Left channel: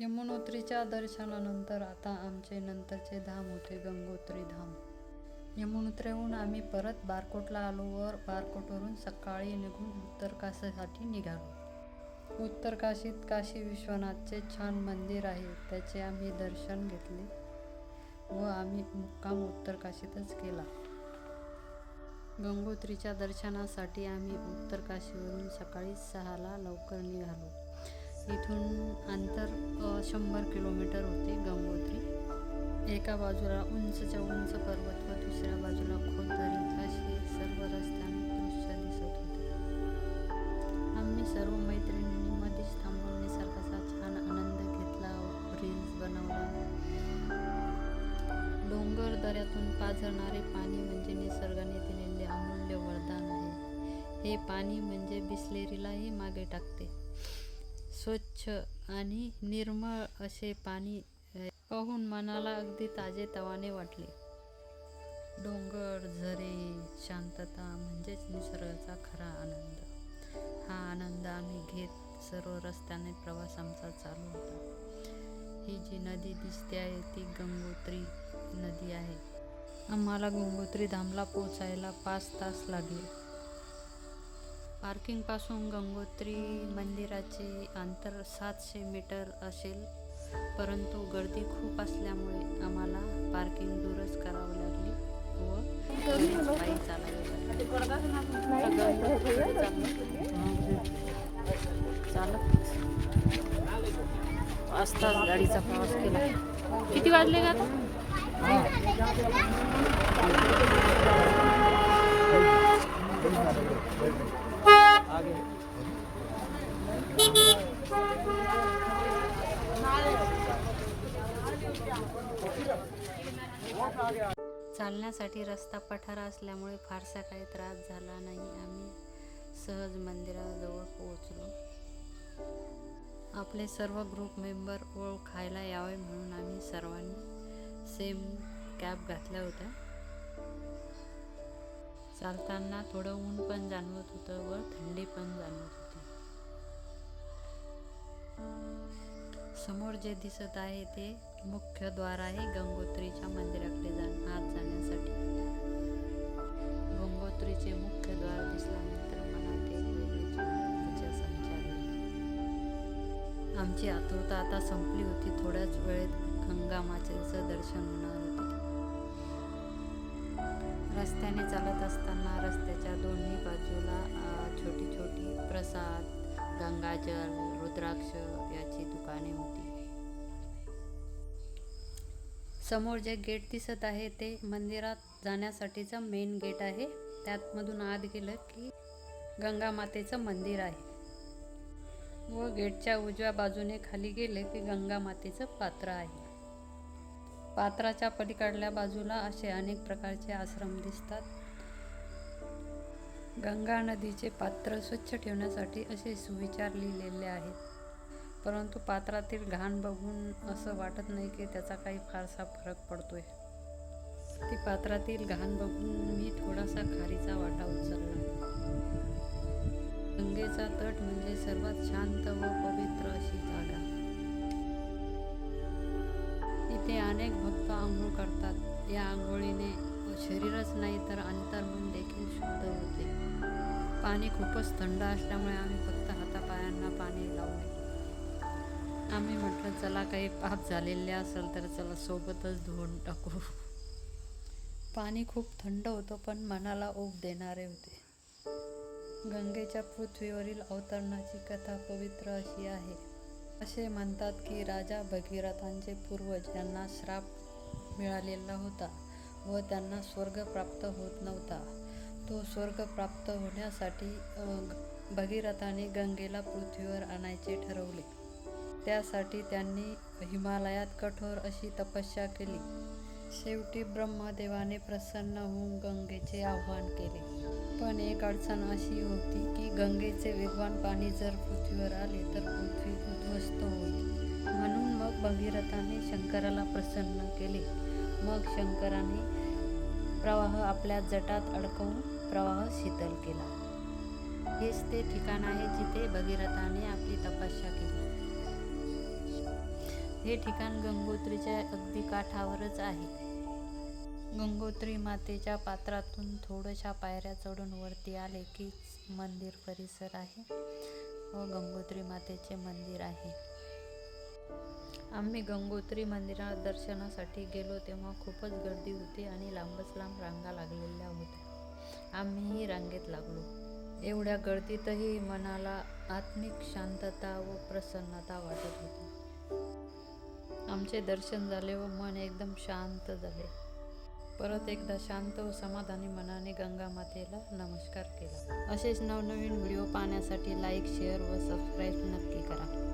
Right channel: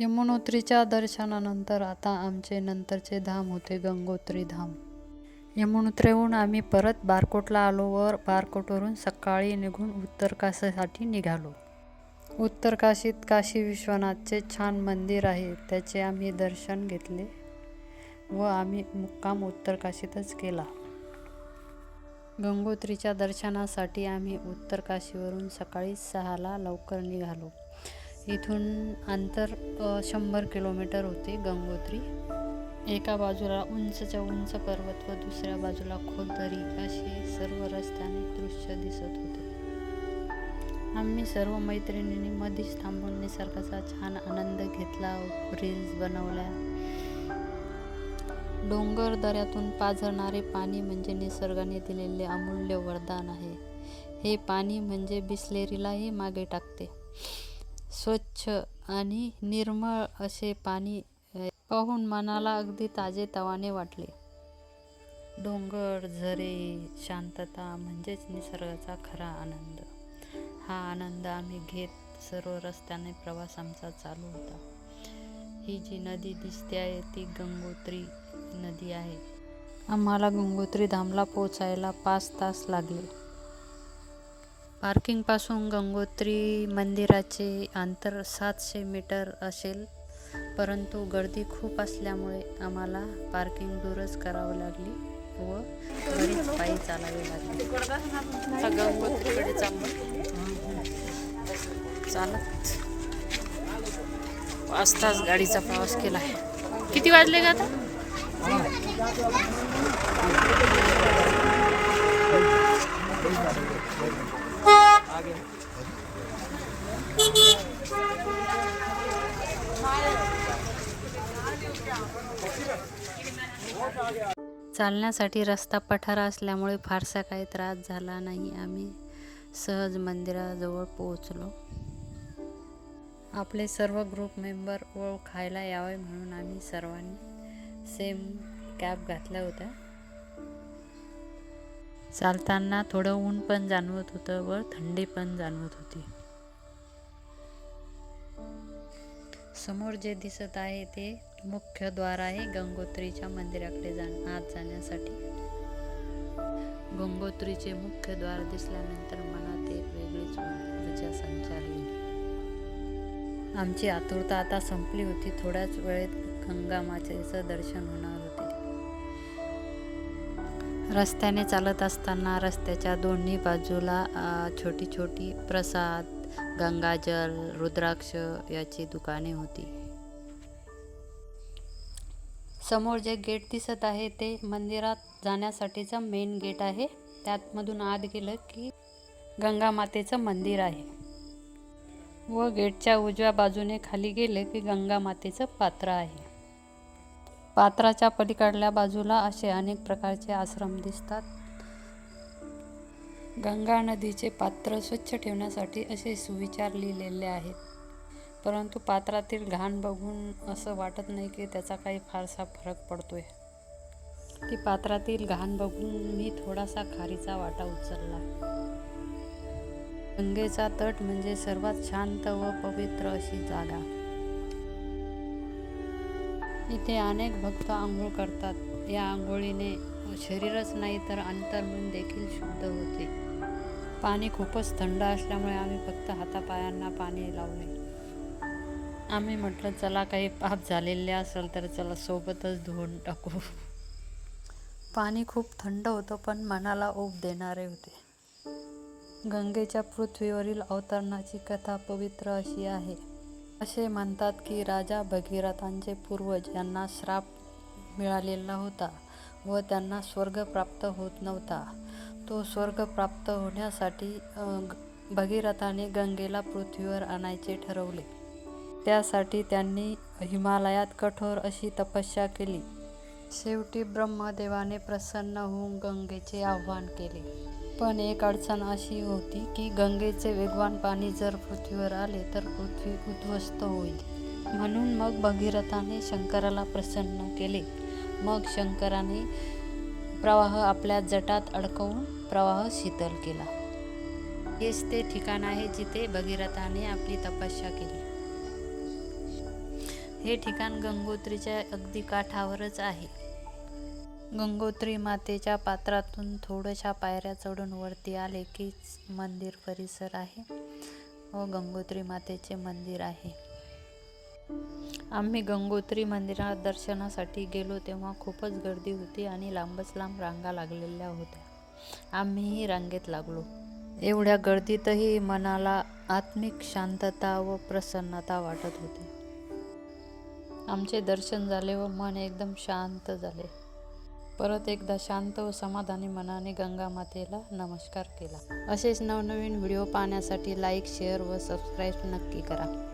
यमुनोत्रीच्या दर्शनानंतर आता आमचे नंतरचे धाम होते गंगोत्री धाम. यमुनोत्रीहून आम्ही परत बारकोटला आलो व बारकोटवरून सकाळी निघून उत्तर काशीसाठी निघालो. उत्तर काशीत काशी विश्वनाथचे छान मंदिर आहे, त्याचे आम्ही दर्शन घेतले व आम्ही मुक्काम उत्तर काशीतच केला. गंगोत्रीच्या दर्शनासाठी आम्ही उत्तर काशीवरून सकाळी 6ला लवकर निघालो. इथून अंतर 100 किलोमीटर होते. गंगोत्री एका बाजूला उंचच्या उंच पर्वत व दुसऱ्या बाजूला खोल दरी असे सर्व रस्त्याने दृश्य दिसत होते. आम्ही सर्व मैत्रिणींनी मध्येच थांबून निसर्गाचा छान आनंद घेतला, रील्स बनवल्या. डोंगर दऱ्यातून पाझरणारे पाणी म्हणजे निसर्गाने दिलेले अमूल्य वरदान आहे. हे पाणी म्हणजे बिसलेरीलाही मागे टाकते. स्वच्छ आणि निर्मळ असे पाणी पाहून मनाला अगदी ताजेतवाने वाटले. डोंगर, झरे, शांतता म्हणजेच निसर्गाचा खरा आनंद. हा आनंद आम्ही घेत सर्व रस्त्याने प्रवास आमचा चालू होता. ही जी नदी दिसते आहे ती गंगोत्री नदी आहे. आम्हाला गंगोत्री धामला पोचायला 5 तास लागले. पार्किंगपासून गंगोत्री मंदिराचे अंतर 700 मीटर असेल, परंतु गर्दी खूप असल्यामुळे आम्हाला पार्किंग दूरच करावी लागली व बरीच पायी चालावे लागले. गंगोत्रीकडे चालत 5 तास गाडीचा प्रवास केला. किती वाजले का आता? चालण्यासाठी रस्ता पठारा असल्यामुळे फारसा काही त्रास झाला नाही. आम्ही सहज मंदिराजवळ पोहोचलो. आपले सर्व ग्रुप मेंबर खायला यावे म्हणून आम्ही सर्वांनी सेम कॅप घातल्या होत्या. चालताना थोडं ऊन पण जाणवत होतं व थंडी पण जाणवत होती. समोर जे दिसत आहे ते मुख्य द्वार आहे गंगोत्रीच्या मंदिराकडे आत जाण्यासाठी. गंगोत्रीचे मुख्य द्वार दिसल्यानंतर मनात एक वेगळीच ऊर्जा संचारली. आमची आतुरता आता संपली होती. थोड्याच वेळेत गंगा मातेचं दर्शन होणार होते. रस्त्याने चालत असताना रस्त्याच्या दोन्ही बाजूला छोटी छोटी प्रसाद, गंगाजल, रुद्राक्ष याची दुकाने होती. समोर जे गेट दिसत आहे ते मंदिरात जाण्यासाठीचा मेन गेट आहे. त्यात मधून आत गेलं की गंगा मातेचं मंदिर आहे व गेटच्या उजव्या बाजूने खाली गेले की गंगा मातेचं पात्र आहे. पात्राच्या पलीकडल्या बाजूला असे अनेक प्रकारचे आश्रम दिसतात. गंगा नदीचे पात्र स्वच्छ ठेवण्यासाठी असे सुविचार लिहिलेले आहेत, परंतु पात्रातील घाण बघून असं वाटत नाही की त्याचा काही फारसा फरक पडतोय. ती पात्रातील घाण बघून मी थोडासा खारीचा वाटा उचलला. गंगेचा तट म्हणजे सर्वात शांत व पवित्र अशी जागा. इथे अनेक भक्त आंघोळ करतात. या आंघोळीने शरीरच नाही तर अंतर्मन देखील शुद्ध होते. पाणी खूपच थंड असल्यामुळे आम्ही फक्त हातापायांना पाणी लावले. आम्ही म्हटलं चला काही पाप झालेले असेल तर चला सोबतच धुवून टाकू. पाणी खूप थंड होतं पण मनाला ऊब देणारे होते. गंगेच्या पृथ्वीवरील अवतरणाची कथा पवित्र अशी आहे. असे म्हणतात की राजा भगीरथांचे पूर्वज यांना श्राप मिळालेला होता व त्यांना स्वर्ग प्राप्त होत नव्हता. तो स्वर्ग प्राप्त होण्यासाठी भगीरथाने गंगेला पृथ्वीवर आणायचे ठरवले. त्यासाठी त्यांनी हिमालयात कठोर अशी तपस्या केली. शेवटी ब्रह्मदेवाने प्रसन्न होऊन गंगेचे आवाहन केले. पण एक अडचण अशी होती की गंगेचे वेगवान पाणी जर पृथ्वीवर आले तर पृथ्वी उद्ध्वस्त होईल. म्हणून मग भगीरथाने शंकराला प्रसन्न केले. मग शंकराने प्रवाह आपल्या जटात अडकवून प्रवाह शीतल केला. हेच ते ठिकाण आहे जिथे भगीरथाने आपली तपस्या केली. हे ठिकाण गंगोत्रीच्या अगदी काठावरच आहे. गंगोत्री मातेच्या पात्रातून थोड्याशा पायऱ्या चढून वरती आले की मंदिर परिसर आहे व गंगोत्री मातेचे मंदिर आहे. आम्ही गंगोत्री मंदिरात दर्शनासाठी गेलो तेव्हा खूपच गर्दी होती आणि लांबच लांब रांगा लागलेल्या होत्या. आम्हीही रांगेत लागलो. एवढ्या गर्दीतही मनाला आत्मिक शांतता व प्रसन्नता वाटत होती. आमचे दर्शन झाले व मन एकदम शांत झाले. परत एकदा शांत व समाधानी मनाने गंगा मातेला नमस्कार केला. असेच नवनवीन व्हिडिओ पाहण्यासाठी लाईक, शेअर व सबस्क्राईब नक्की करा.